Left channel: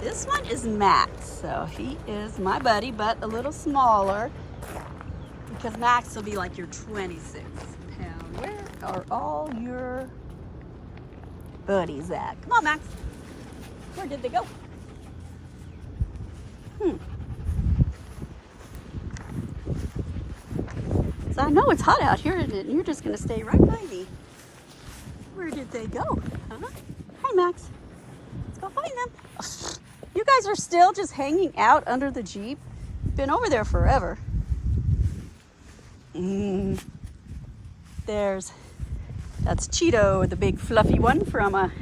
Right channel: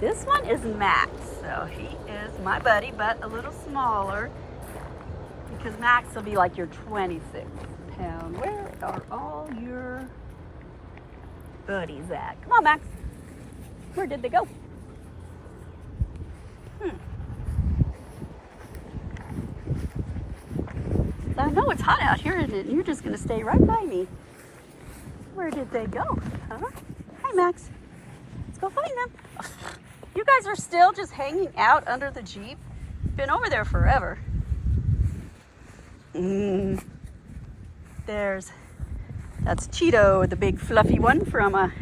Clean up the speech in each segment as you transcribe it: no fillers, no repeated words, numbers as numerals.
This one is Max, so he is my buddy, but a little smaller because Max will be like your 26 pound. Where are all your buddies at? Come on, Max. Where did they go? So I know it's hot out here, and you're just gonna stay right by me. Where did they go? Huh? Hi, Max. Let's go find them. You guys are still just hanging out under the Jeep? Been over there forever. That's Cheeto, the big fluffy one from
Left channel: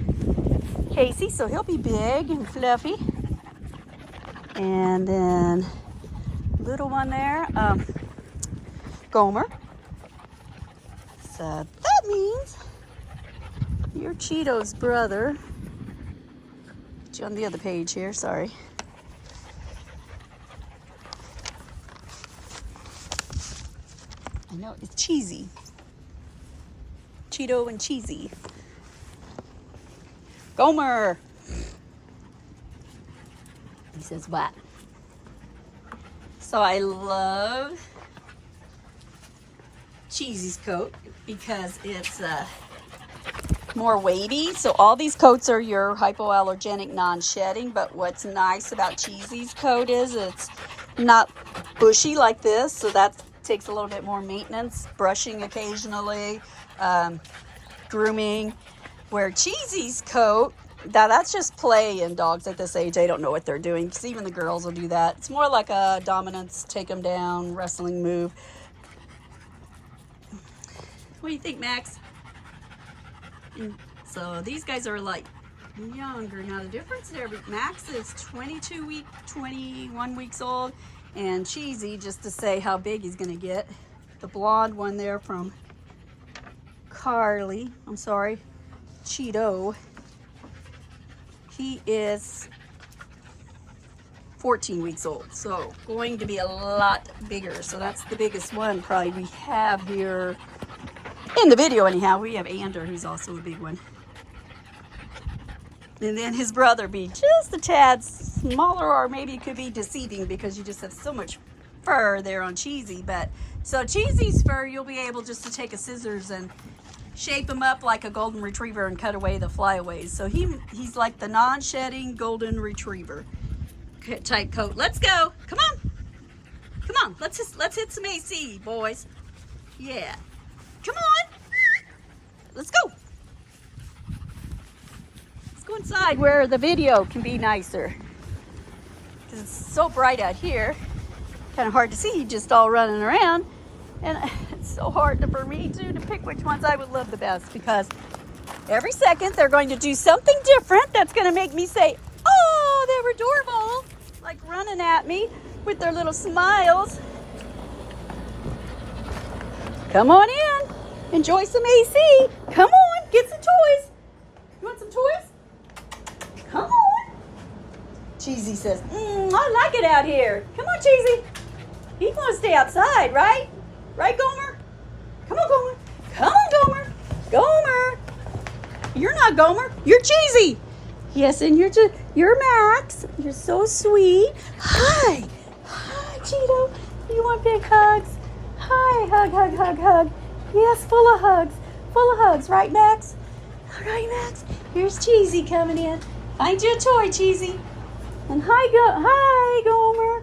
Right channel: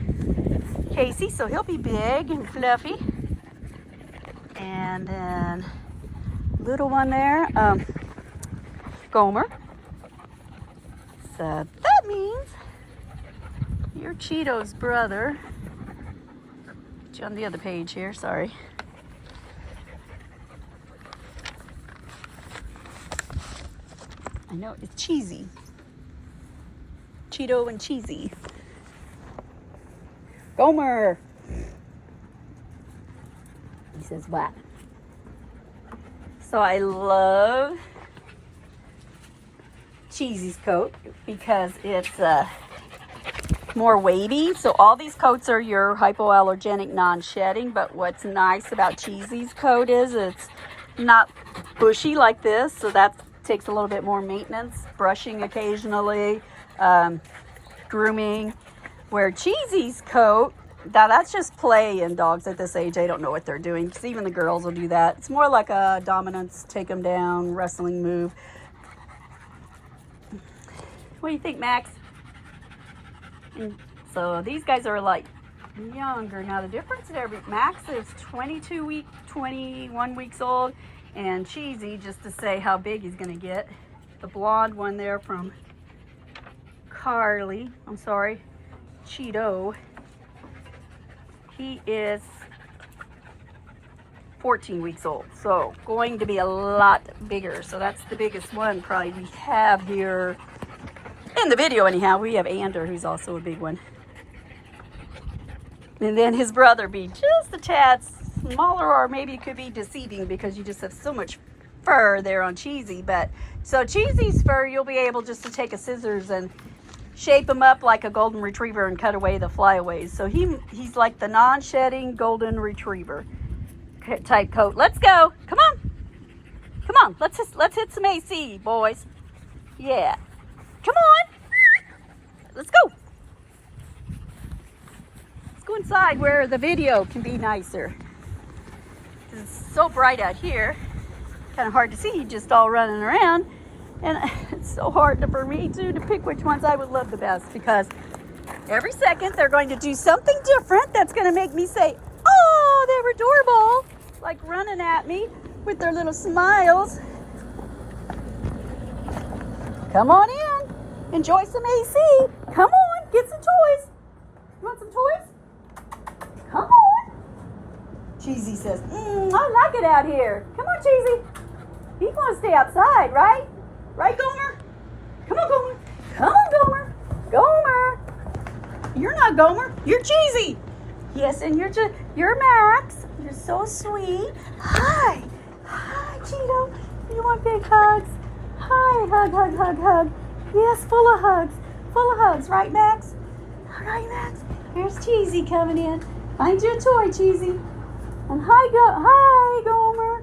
Casey, so he'll be big and fluffy. And then little one there, Gomer. So that means you're Cheeto's brother. Put you on the other page here, sorry. I know, it's Cheezie. Cheeto and Cheezie. Gomer. He says what? So I love Cheesie's coat because it's more weighty. So all these coats are your hypoallergenic non-shedding, but what's nice about Cheesie's coat is it's not bushy like this, so that takes a little bit more maintenance, brushing occasionally, grooming. Where Cheesie's coat, now that's just play, and dogs at this age, they don't know what they're doing, because even the girls will do that. It's more like a dominance, take them down, wrestling move. What do you think, Max? And so these guys are like younger. Now the difference there, Max is 21 weeks old, and Cheezie, just to say how big he's gonna get, the blonde one there from Cheeto, he is 14 weeks old, so going to be a lot bigger. So that's the biggest one probably we have here in the video anyhow. We have Ander, who's also a big one. And then his brother be just a tad smaller, or maybe it could be deceiving because you just have so much fur there on Cheezie. But so Cheesie's fur, you'll be able just to take a scissors and shape him up like a golden retriever and cut away the flyaways. So he's like the non-shedding golden retriever type coat. Let's go. Come on. Come on. Let's hit some AC, boys. Yeah. Come on. Let's go. Let's go inside where the video can be nicer. It's so bright out here. Kind of hard to see you just all running around. And it's so hard for me too to pick which ones I would love the best, because every second they're going to do something different that's going to make me say, oh, they're adorable, like running at me with their little smiles. Come on in, enjoy some AC. Come on, get some toys. You want some toys? Come on. Cheezie says, I like it out here. Come on, Cheezie. You want to stay outside, right? Right, Gomer? Come on, Gomer. Come on, Gomer. Gomer. You're not Gomer. You're Cheezie. Yes, and you're Max. You're so sweet. Hi. Hi, Cheeto. You want big hugs? Hi. Hug, hug, hug, hug. Yes, full of hugs. Full of hugs. Right, Max? All right, Max. Here's Cheezie coming in. Find you a toy, Cheezie. And hi, Gomer.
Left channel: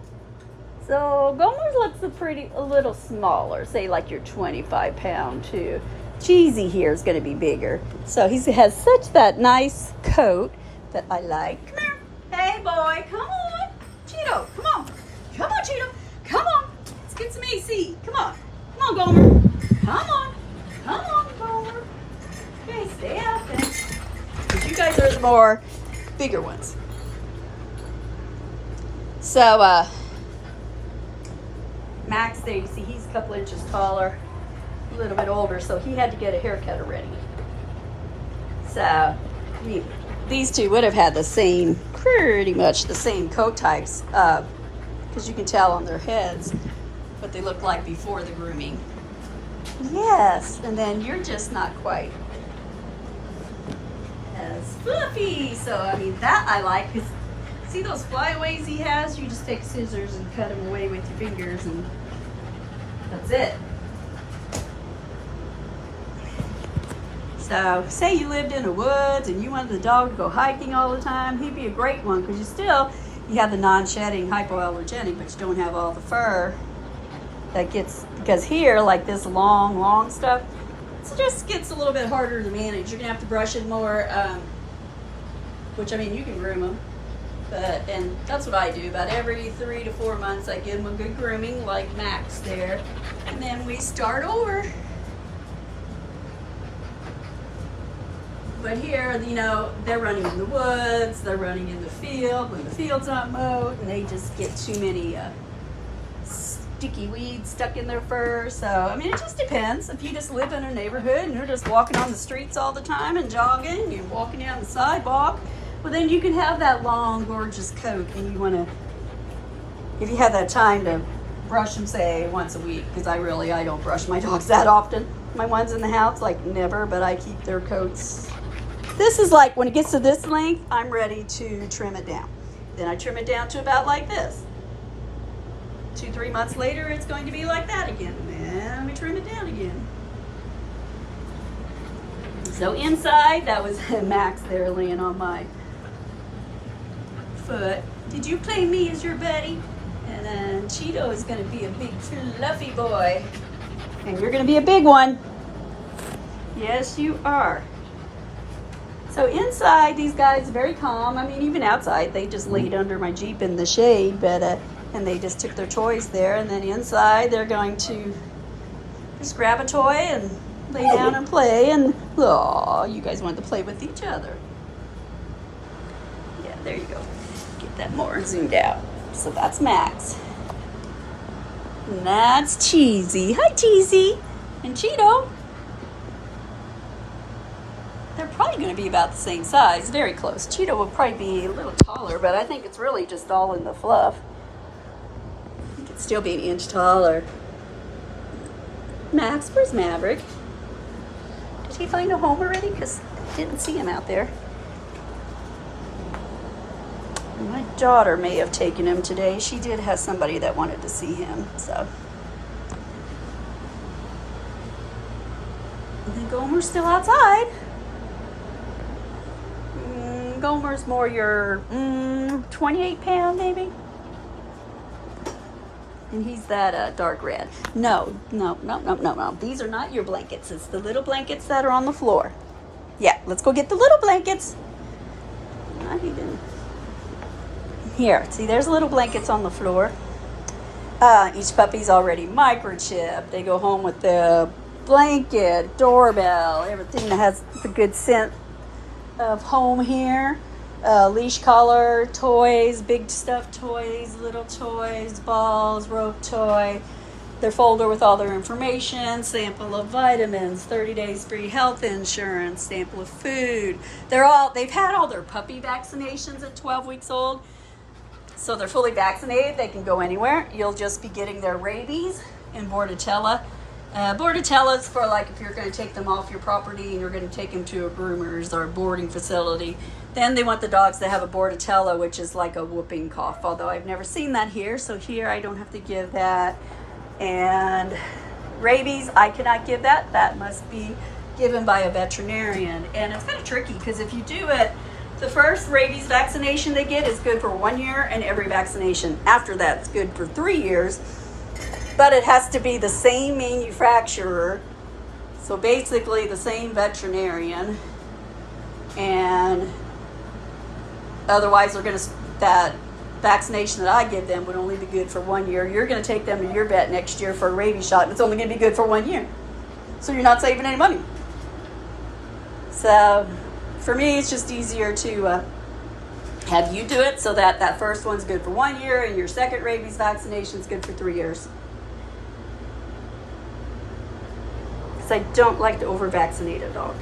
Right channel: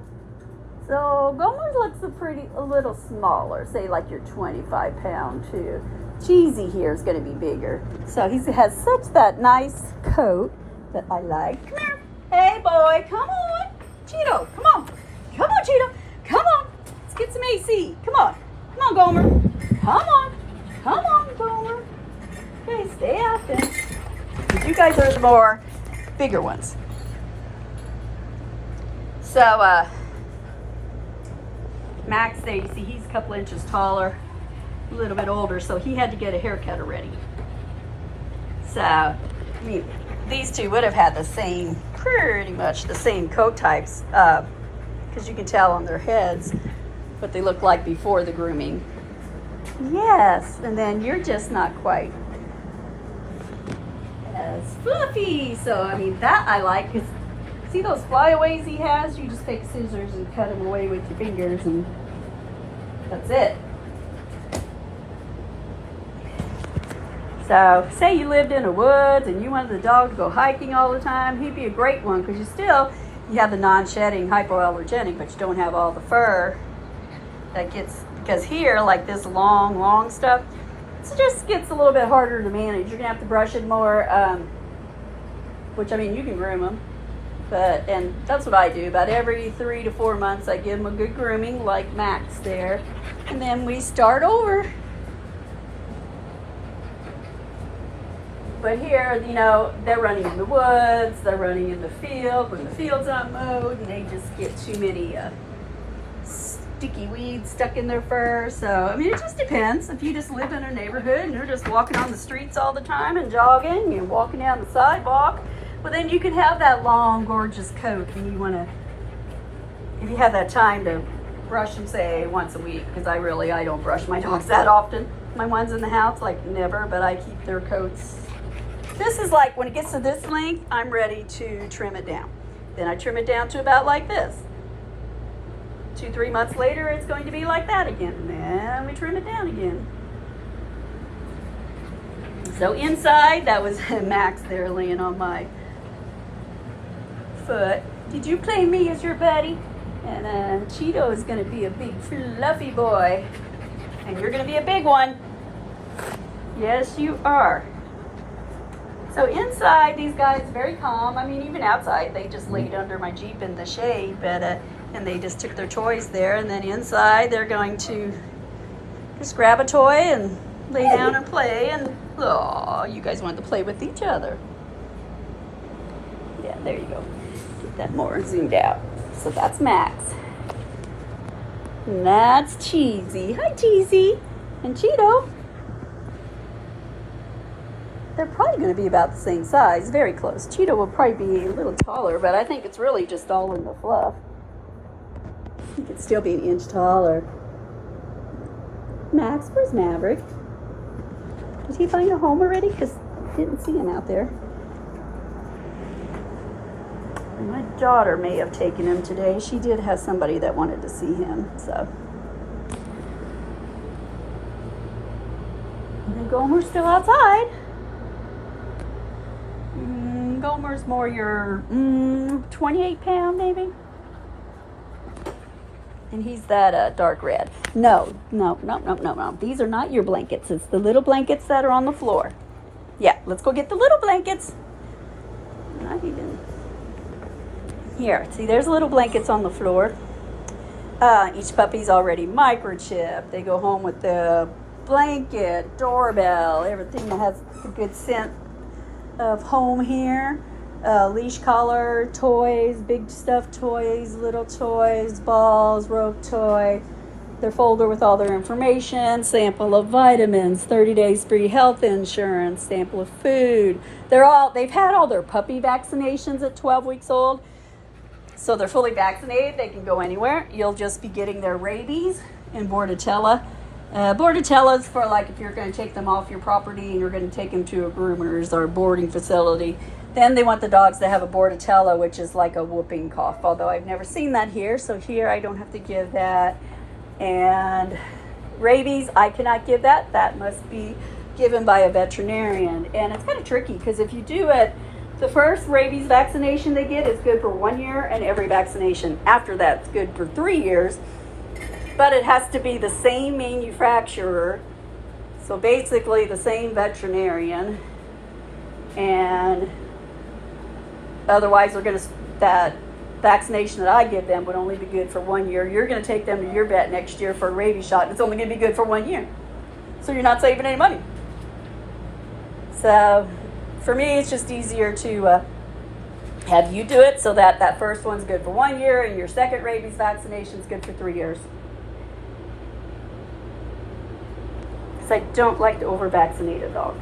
So Gomer looks a little smaller, say like your 25 pound too. Cheezie here is going to be bigger. So he has such that nice coat that I like. Come here. Hey boy, come on. Cheeto, come on. Come on, Cheeto. Come on. Let's get some AC. Come on. Come on, Gomer. Come on. Come on, Gomer. Okay, stay out then. Because you guys are the more bigger ones. So, Max there, you see, he's a couple inches taller, a little bit older, so he had to get a haircut already. So, I mean, these two would have had pretty much the same coat types, because you can tell on their heads what they look like before the grooming. Yes, and then you're just not quite as fluffy. So, I mean, that I like, because See those flyaways he has? You just take scissors and cut them away with your fingers, and that's it. So, say you lived in the woods and you wanted the dog to go hiking all the time, he'd be a great one, because you have the non-shedding hypoallergenic, but you don't have all the fur that gets, because here, like this long stuff, it just gets a little bit harder to manage. You're gonna have to brush it more, which, I mean, you can groom them, and that's what I do. About every 3 to 4 months, I give them a good grooming, like Max there, and then we start over. But here, you know, they're running in the woods, they're running in the field when the field's not mowed, and they just get too many sticky weeds stuck in their fur. So, I mean, it just depends. If you just live in a neighborhood and you're just walking on the streets all the time and jogging, and you're walking down the sidewalk, well, then you can have that long, gorgeous coat, and you want to, if you have that time to brush them, say, once a week, because I don't brush my dogs that often. My ones in the house, like, never, but I keep their coats. This is like, when it gets to this length, I'm ready to trim it down. Then I trim it down to about like this. 2-3 months later, it's going to be like that again. And then we trim it down again. So inside, that was Max there laying on my foot. Did you claim me as your buddy? And then Cheeto is going to be a big fluffy boy. And you're going to be a big one. Yes, you are. So inside, these guys are very calm. I mean, even outside, they just laid under my Jeep in the shade, but and they just took their toys there. And then inside, they're going to just grab a toy and lay down and play. And oh, you guys want to play with each other. Yeah, there you go. Get that more zoomed out. So that's Max. And that's Cheezie. Hi, Cheezie. And Cheeto. They're probably going to be about the same size, very close. Cheeto will probably be a little taller, but I think it's really just all in the fluff. He could still be an inch taller. Max, where's Maverick? Did he find a home already? Because I didn't see him out there. My daughter may have taken him today. She did have somebody that wanted to see him, so. And then Gomer's still outside. Gomer's more your 28 pound maybe. And he's that dark red. No. These are not your blankets. It's the little blankets that are on the floor. Yeah, let's go get the little blankets. Not even. Here, see, there's little blankets on the floor. Each puppy's already microchipped. They go home with the blanket, doorbell, everything that has the good scent of home here. Leash collar, toys, big stuffed toys, little toys, balls, rope toy, their folder with all their information, sample of vitamins, 30 days free health insurance, sample of food. They've had all their puppy vaccinations at 12 weeks old, so they're fully vaccinated. They can go anywhere. You'll just be getting their rabies and bordetella. Bordetella is for, like, if you're going to take them off your property and you're going to take them to a groomer's or a boarding facility. Then they want the dogs to have a bordetella, which is like a whooping cough, although I've never seen that here. So here I don't have to give that. And rabies, I cannot give that. That must be given by a veterinarian. And it's kind of tricky because if you do it, the first rabies vaccination they get is good for 1 year, and every vaccination after that's good for 3 years. But it has to be the same manufacturer, so basically the same veterinarian, and otherwise that vaccination that I give them would only be good for 1 year. You're going to take them to your vet next year for a rabies shot, and it's only going to be good for 1 year. So you're not saving any money. So for me, it's just easier to have you do it so that first one's good for 1 year and your second rabies vaccination is good for 3 years. Because I don't like to over-vaccinate a dog.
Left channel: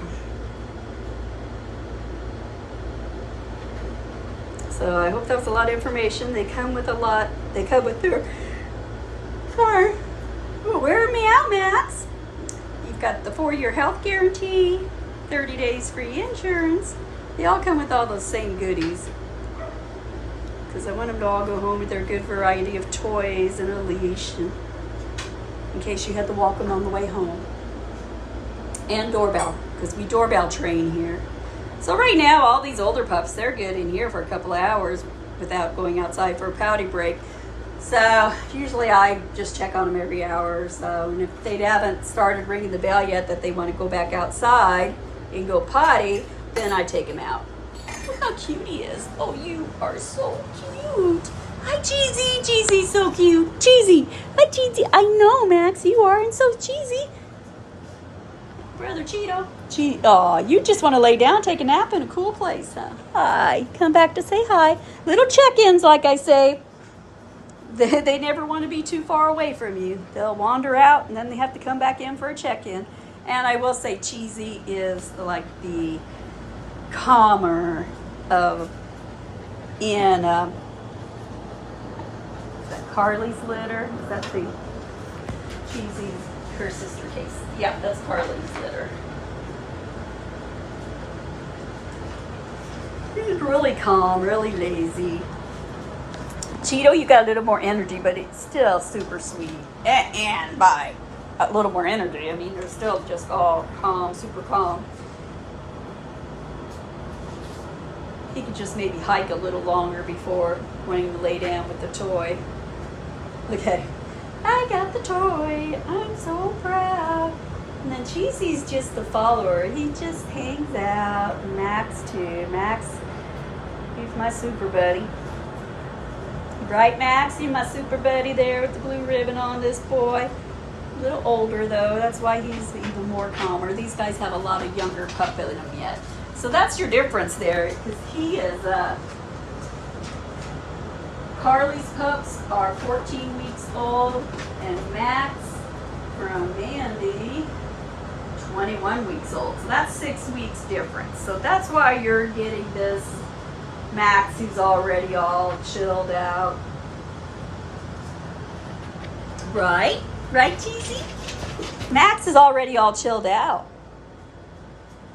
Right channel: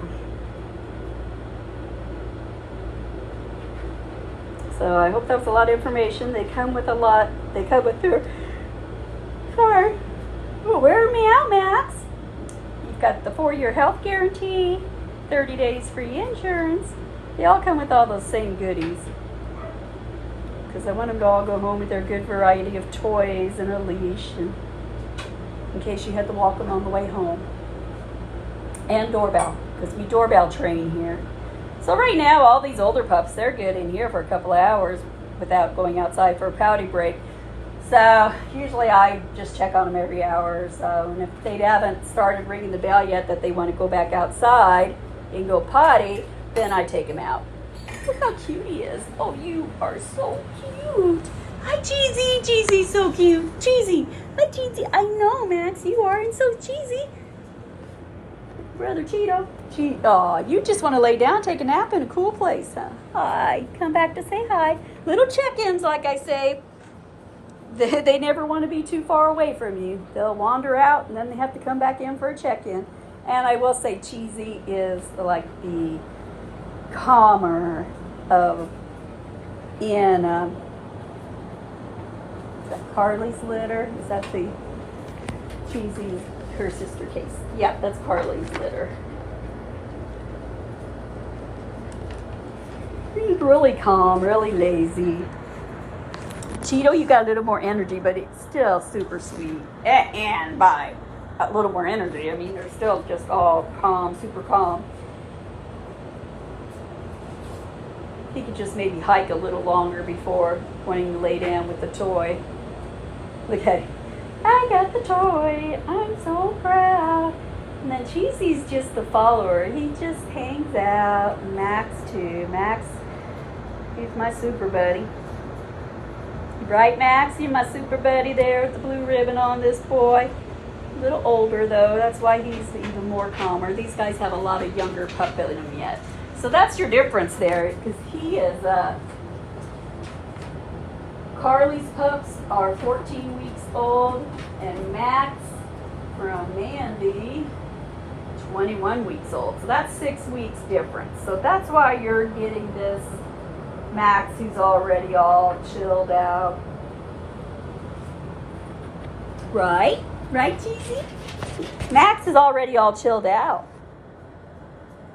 So I hope that was a lot of information. They come with a lot. They come with their... Sorry. Oh, wear me out, Max. You've got the 4-year health guarantee, 30 days free insurance. They all come with all those same goodies. because I want them to all go home with their good variety of toys and a leash, and in case you had to walk them on the way home. And doorbell, because we doorbell train here. So right now, all these older pups, they're good in here for a couple of hours without going outside for a potty break. So usually I just check on them every hour or so. And if they haven't started ringing the bell yet that they want to go back outside and go potty, then I take him out. Look how cute he is. Oh, you are so cute. Hi, Cheezie. Cheezie's so cute. Cheezie. Hi, Cheezie. I know, Max, you are, and so Cheezie. Brother Cheeto. Aw, you just want to lay down, take a nap in a cool place, huh? Hi. Come back to say hi. Little check-ins, like I say. They never want to be too far away from you. They'll wander out, and then they have to come back in for a check-in. And I will say Cheezie is like the calmer of in is that Carly's litter? Is that the Cheezie's, her sister case? Yep, that's Carly's litter. He's really calm, really lazy. Cheeto, you got a little more energy, but it's still super sweet. And by a little more energy, I mean, they're still just all calm, super calm. He could just maybe hike a little longer before wanting to lay down with the toy. Look at him. I got the toy. I'm so proud. And then Cheezie's just the follower. He just hangs out. And Max too. Max, he's my super buddy. Right, Max? You're my super buddy there with the blue ribbon on this boy. A little older though. That's why he's even more calmer. These guys have a lot of younger pup in them yet. So that's your difference there, because he is, Carly's pups are 14 weeks old, and Max from Mandy, 21 weeks old. So that's 6 weeks difference. So that's why you're getting this Max, who's already all chilled out. Right? Right, Cheezie? Max is already all chilled out.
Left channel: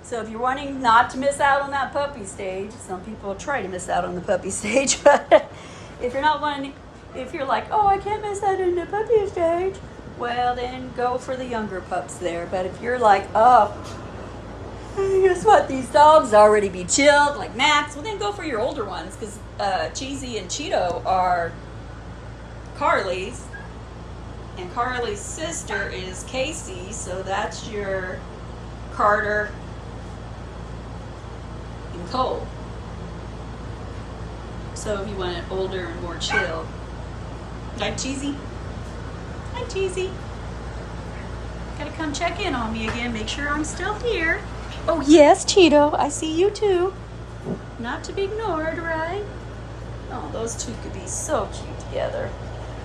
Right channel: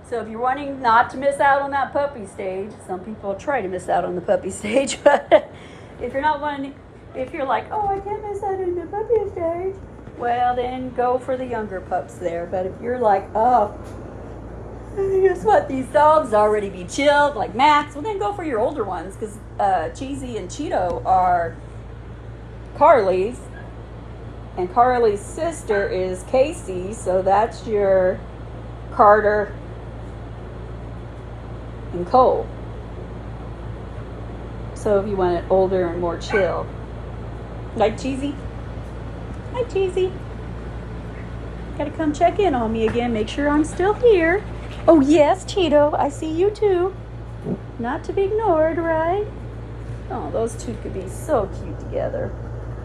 So if you're wanting not to miss out on that puppy stage, some people try to miss out on the puppy stage, but if you're not wanting, if you're like, oh, I can't miss out on the puppy stage, well, then go for the younger pups there. But if you're like, oh, guess what, these dogs already be chilled, like Max, well, then go for your older ones, because Cheezie and Cheeto are Carly's, and Carly's sister is Casey, so that's your Carter and Cole. So if you want it older and more chill. Like Cheezie? Hi, Cheezie. Gotta come check in on me again, make sure I'm still here. Oh yes, Cheeto, I see you too. Not to be ignored, right? Oh, those two could be so cute together.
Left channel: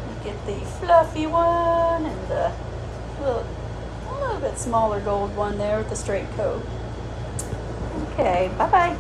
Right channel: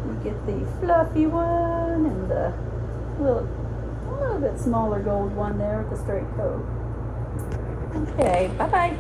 You get the fluffy one and the a little bit smaller gold one there with the straight coat. Okay, bye-bye.